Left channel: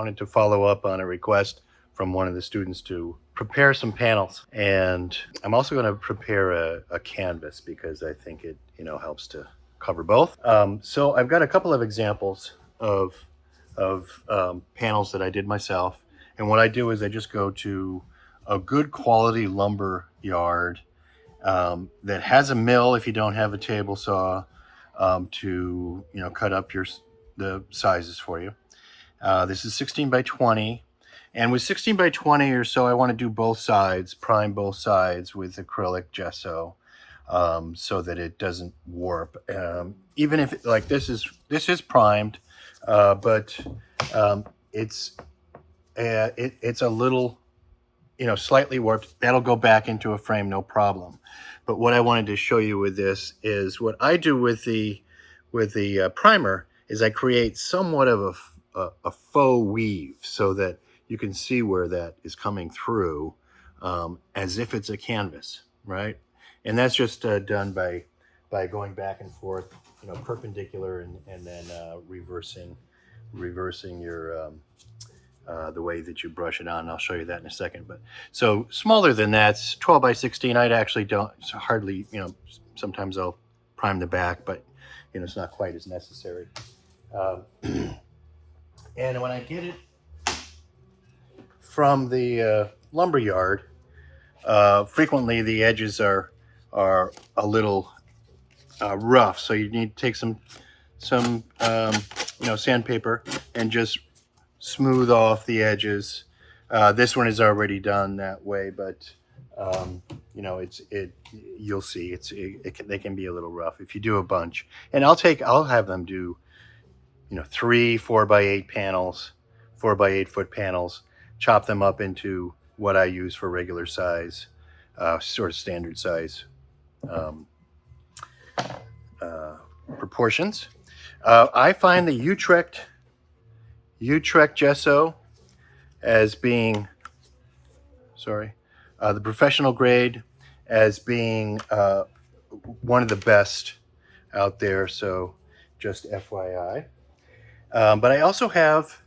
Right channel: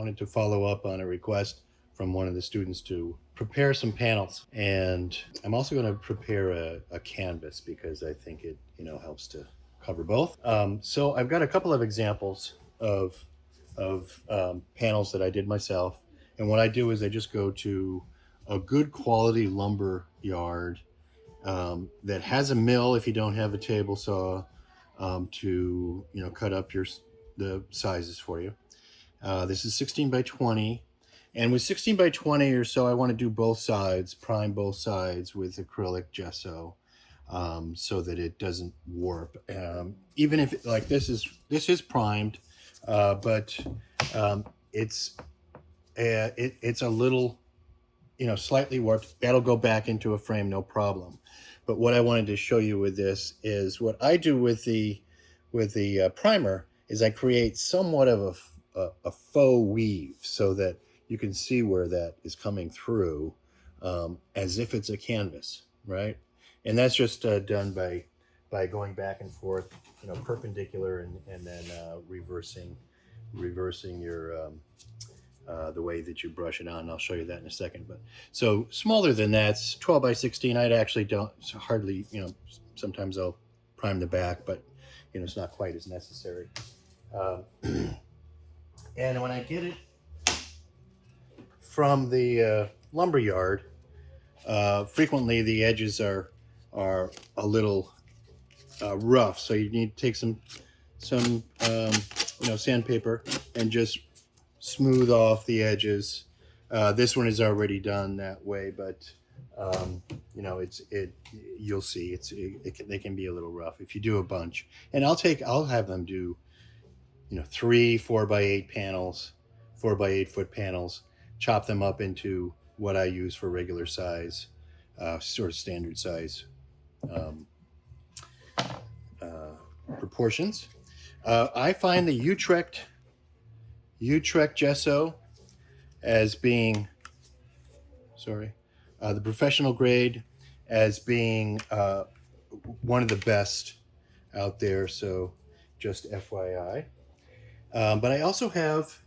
wanted to follow up on a request from one of the students to prepare some panels. And I'm also going to prepare a canvas because I think it, helps to cover both. So I've got a couple of examples of panels that I did myself. And what I do is I just go to a good quality lumber yard that has a mill if you don't have a table saw to cut up the sizes for you. This is 16 by 20, and with 16 by 20 or so, I want to do both sides, prime both sides with acrylic gesso, so that it doesn't warp. Even if like this is primed, but it's a little, slightly warped. That'll go back into a frame, no problem. But what I wanted to show you with this is what I do with the primer is I create somewhat of a faux weave so that you can see where that is coming through, as if it's a canvas, right? And that's just done by going back and forth, perpendicular and then reversing your the way that you brush it on. I'll show you that in a second. But so smaller than that, 12 by 16. I'd actually don't hardly, sometimes I'll prime the back, but it's not quite as necessary. And when I get it from the lumber yard, frequently the edges are a little rough, so you need to take some sandpaper and just smooth off the edges. This one is already done that way, but you'll see they can be a little rough if you do a bunch. And I'll have them do 3 4x8 panels, 4x8 foot panels, chop them up into what I use for regular size, sort of standard size proportions. I find the Utrecht gesso as being, the professional grade as being one of the best out there. So just FYI. But I also have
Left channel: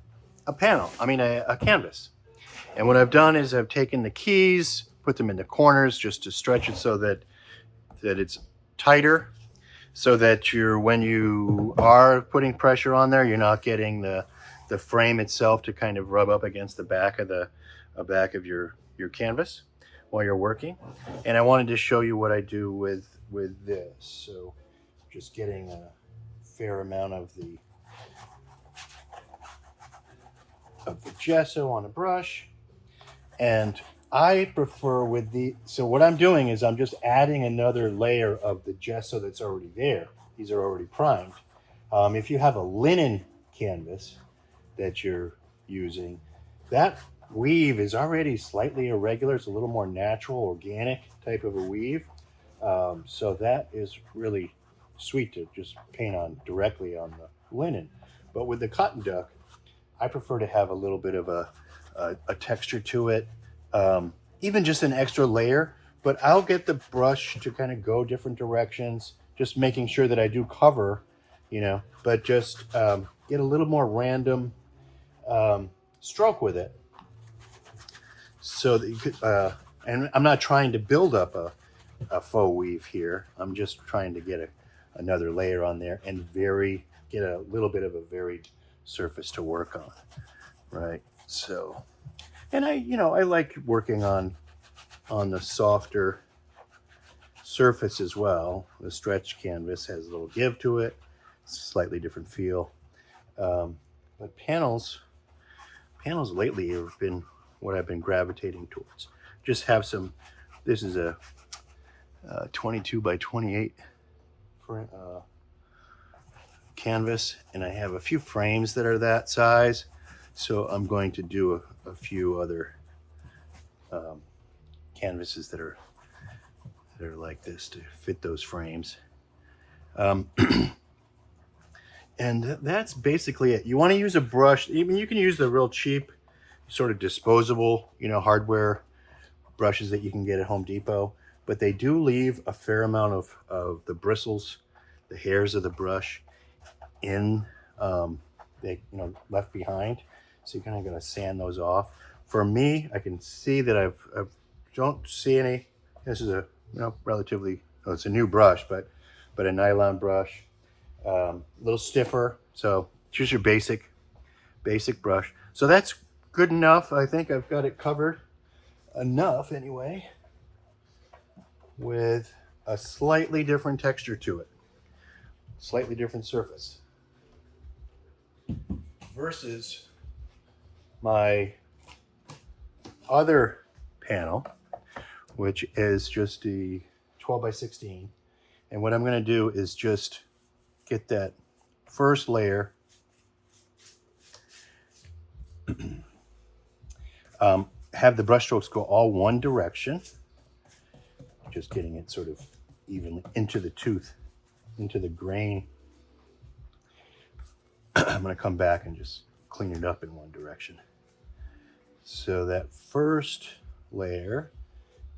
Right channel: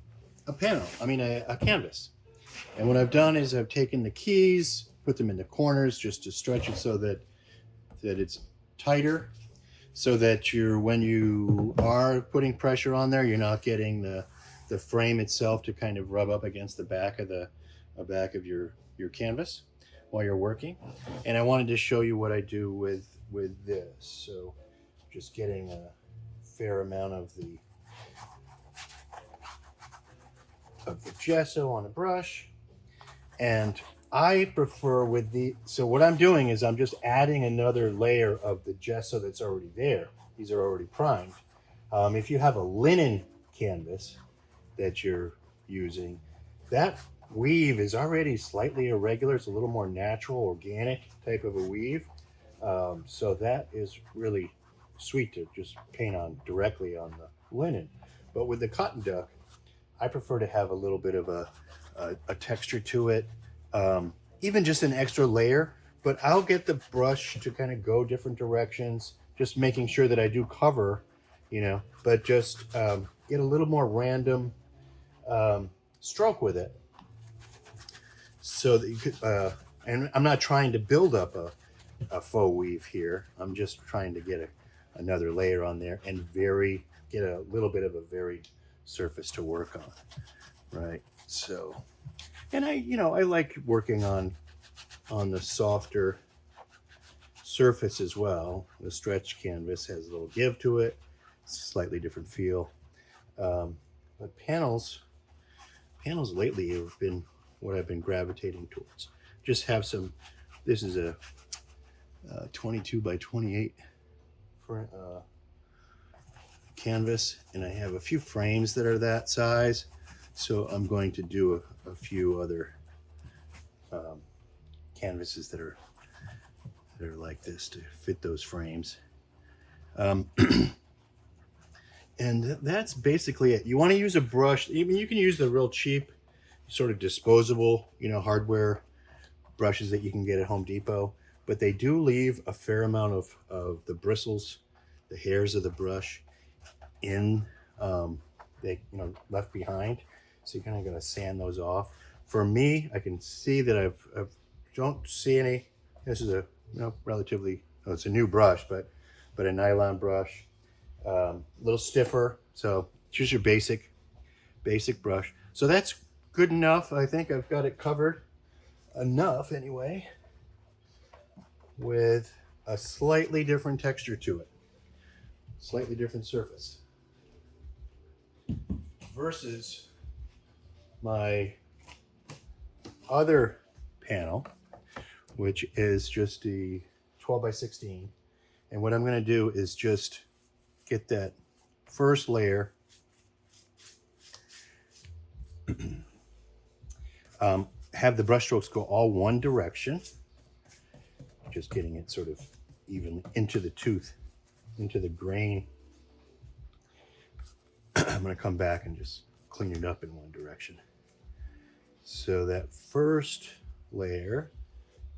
a canvas. And what I've done is I've taken the keys, put them in the corners just to stretch it so that it's tighter, so that when you are putting pressure on there, you're not getting the frame itself to kind of rub up against the back of your canvas while you're working. And I wanted to show you what I do with this. So just getting a fair amount of the gesso on a brush. And I prefer so what I'm doing is I'm just adding another layer of the gesso that's already there. These are already primed. If you have a linen canvas that you're using, that weave is already slightly irregular. It's a little more natural, organic type of a weave. So that is really sweet to just paint on directly on the linen. But with the cotton duck, I prefer to have a little bit of a texture to it, even just an extra layer. But I'll get the brush to kind of go different directions, just making sure that I do cover, but just get a little more random stroke with it, so that you could, and I'm not trying to build up a faux weave here. I'm just trying to get another layer on there and get a little bit of a varied surface to work on, right? So, and I like working on the softer surface as well. The stretch canvas has a little give to it, slightly different feel. But panels lately have been what I've been gravitating towards. Just have some. This is a 22 by 28 canvas, and I have a few frames that are that size. So I'm going to do a few other canvases that are like this to fit those frames. And that's basically it. You want to use a brush. Even you can use the real cheap, sort of disposable, hardware brushes that you can get at Home Depot. But they do leave a fair amount of the bristles, the hairs of the brush left behind. So you kind of got to sand those off. For me, I can see that I've don't see any. This is a relatively, oh, it's a new brush, but a nylon brush, a little stiffer. So choose your basic brush. So that's good enough. I think I've got it covered enough anyway, with a slightly different texture to it, slightly different surface, versus my other panel, which is just the 12 by 16. And what I'm going to do is just get that first layer, have the brush strokes go all one direction, just getting it sort of even into the tooth, into the grain. I'm going to come back and just clean it up in one direction. So that first layer,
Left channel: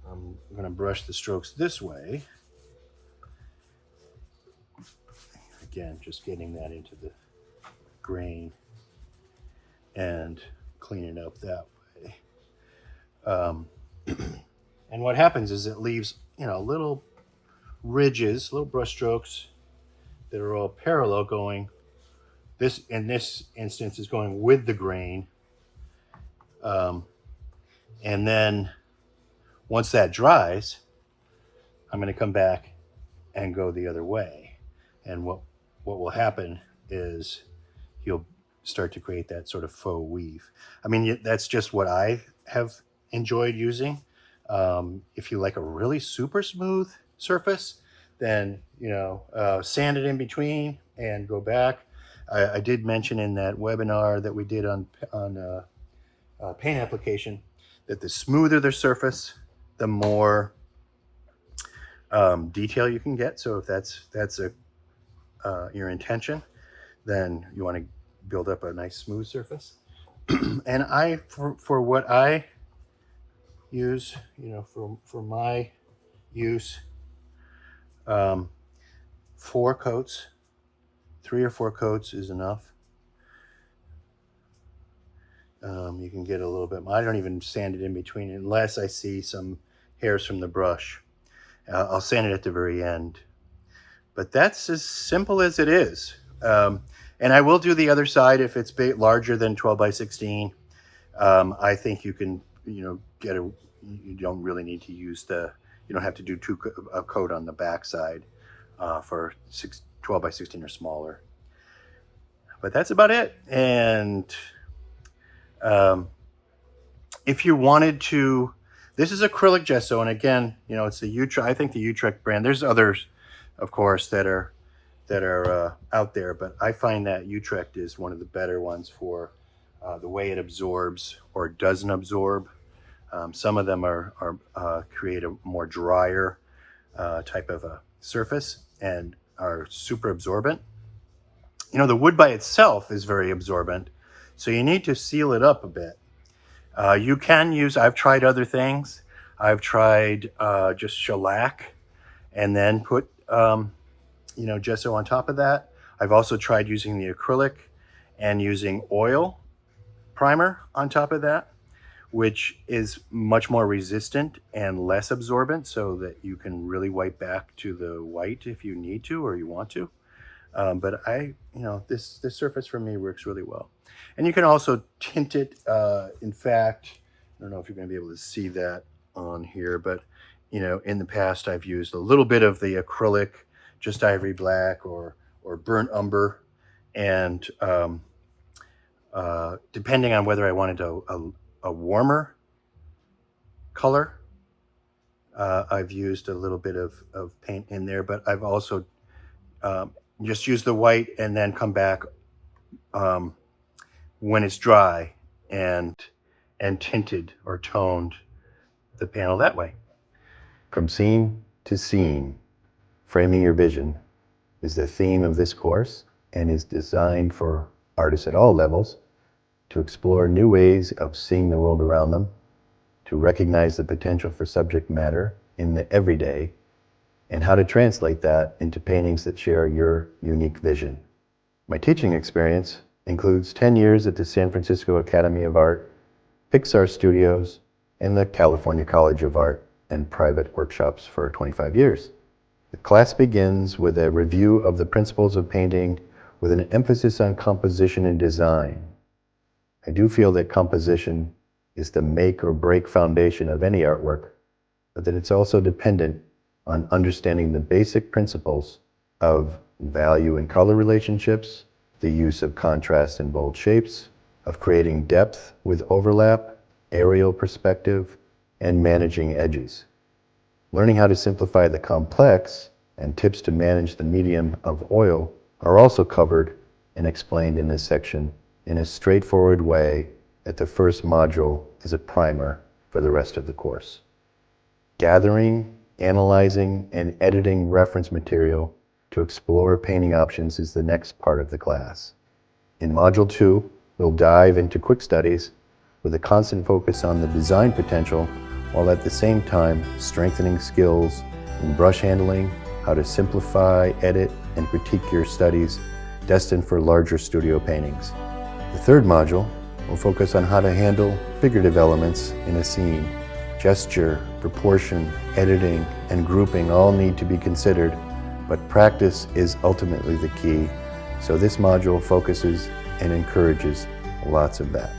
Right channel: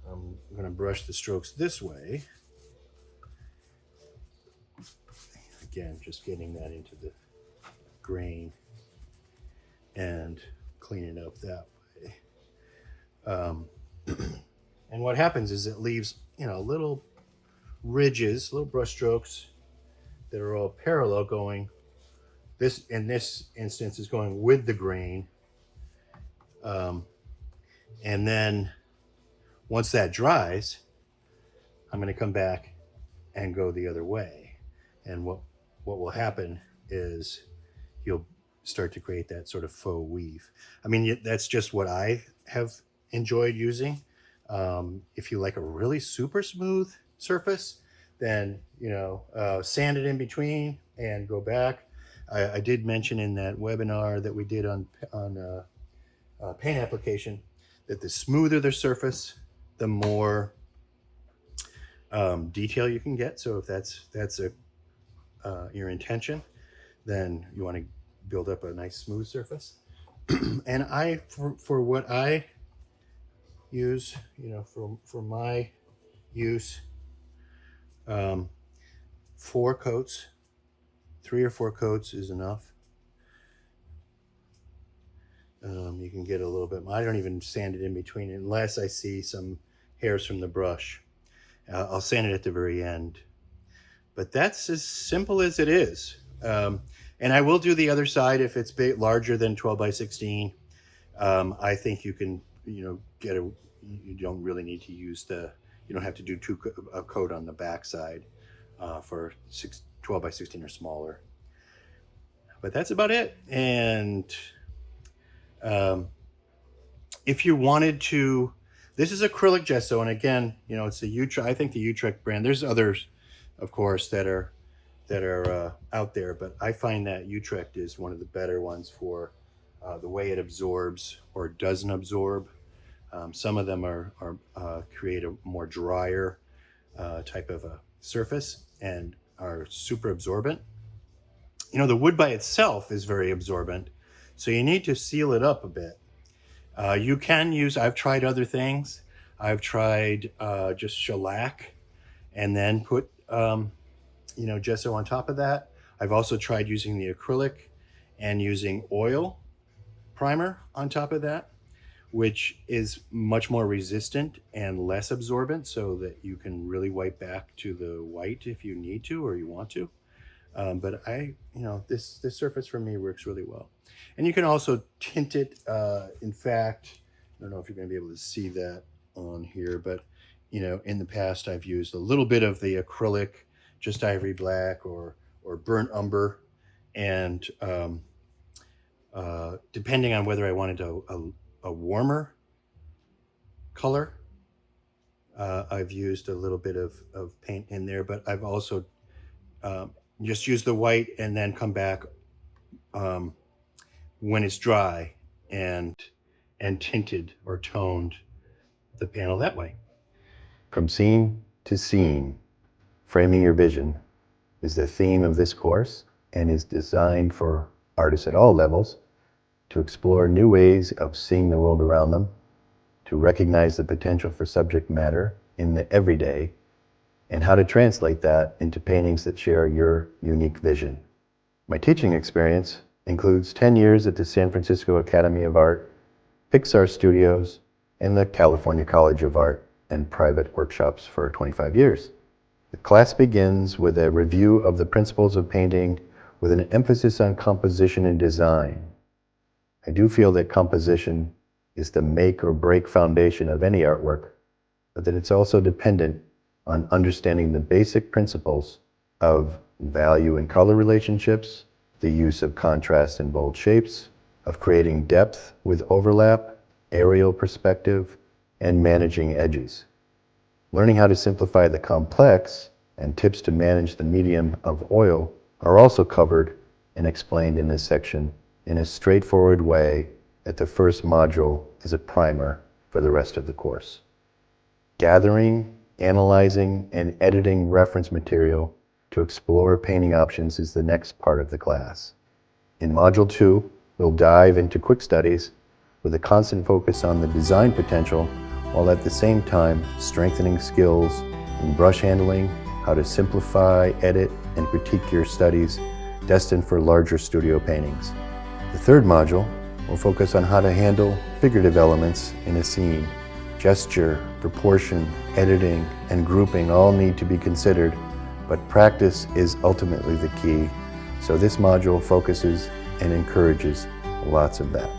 I'm going to brush the strokes this way. Again, just getting that into the grain and cleaning up that way. And what happens is it leaves, little ridges, little brush strokes that are all parallel going. This, in this instance, is going with the grain. And then once that dries, I'm going to come back and go the other way. And what will happen is you'll start to create that sort of faux weave. I mean, that's just what I have enjoyed using. If you like a really super smooth surface, then sand it in between and go back. I did mention in that webinar that we did on paint application that the smoother the surface, the more detail you can get. So if that's your intention, then you want to build up a nice smooth surface. And for what I use, for my use, 4 coats, 3 or 4 coats is enough. You can get a little bit. I don't even sand it in between unless I see some hairs from the brush. I'll sand it at the very end. But that's as simple as it is. And I will do the other side if it's larger than 12 by 16. I think you can, you don't really need to use you don't have to do a coat on the back side for 12 by 16 or smaller. But that's about it. And if you wanted to, this is acrylic gesso, and again, it's the Utrecht. I think the Utrecht brand. There's others, of course, that are out there, but I find that Utrecht is one of the better ones for the way it absorbs or doesn't absorb. Some of them create a more drier type of a surface and are super absorbent. The wood by itself is very absorbent, so you need to seal it up a bit. You can use, I've tried other things. I've tried just shellac and then put gesso on top of that. I've also tried using the acrylic and using oil primer on top of that, which is much more resistant and less absorbent, so that you can really wipe back to the white if you need to or you want to. But this surface for me works really well. And you can also tint it. In fact, I don't know if you're going to be able to see that on here, but in the past I've used a little bit of the acrylic, just ivory black or burnt umber, and depending on whether I wanted a warmer color, I've used a little bit of paint in there, but I've also just used the white and then come back when it's dry and tinted or toned the panel that way. From scene to scene, framing your vision is the theme of this course and is designed for artists at all levels to explore new ways of seeing the world around them, to recognize the potential for subject matter in the everyday, and how to translate that into paintings that share your unique vision. My teaching experience includes 10 years at the San Francisco Academy of Art, Pixar Studios, and the California College of Art, and private workshops for 25 years. The class begins with a review of the principles of painting with an emphasis on composition and design. I do feel that composition is the make or break foundation of any artwork, but that it's also dependent on understanding the basic principles of value and color relationships, the use of contrast and bold shapes, of creating depth with overlap, aerial perspective, and managing edges. Learning how to simplify the complex and tips to manage the medium of oil are also covered and explained in this section in a straightforward way that the first module is a primer for the rest of the course. Gathering, analyzing, and editing reference material to explore painting options is the next part of the class. In Module 2, we'll dive into quick studies with a constant focus on the design potential, while at the same time strengthening skills in brush handling, how to simplify, edit, and critique your studies destined for larger studio paintings. The third module will focus on how to handle figurative elements in a scene. Gesture, proportion, editing, and grouping all need to be considered, but practice is ultimately the key, so this module focuses and encourages lots of that.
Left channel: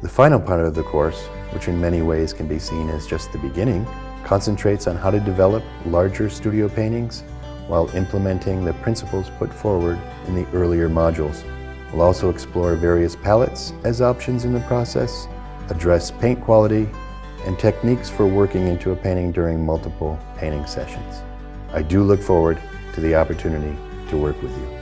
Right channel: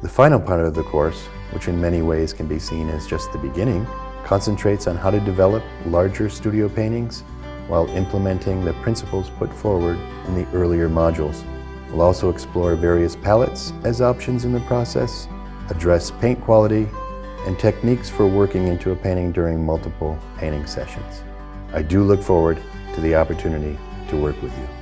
The final part of the course, which in many ways can be seen as just the beginning, concentrates on how to develop larger studio paintings while implementing the principles put forward in the earlier modules. We'll also explore various palettes as options in the process, address paint quality, and techniques for working into a painting during multiple painting sessions. I do look forward to the opportunity to work with you.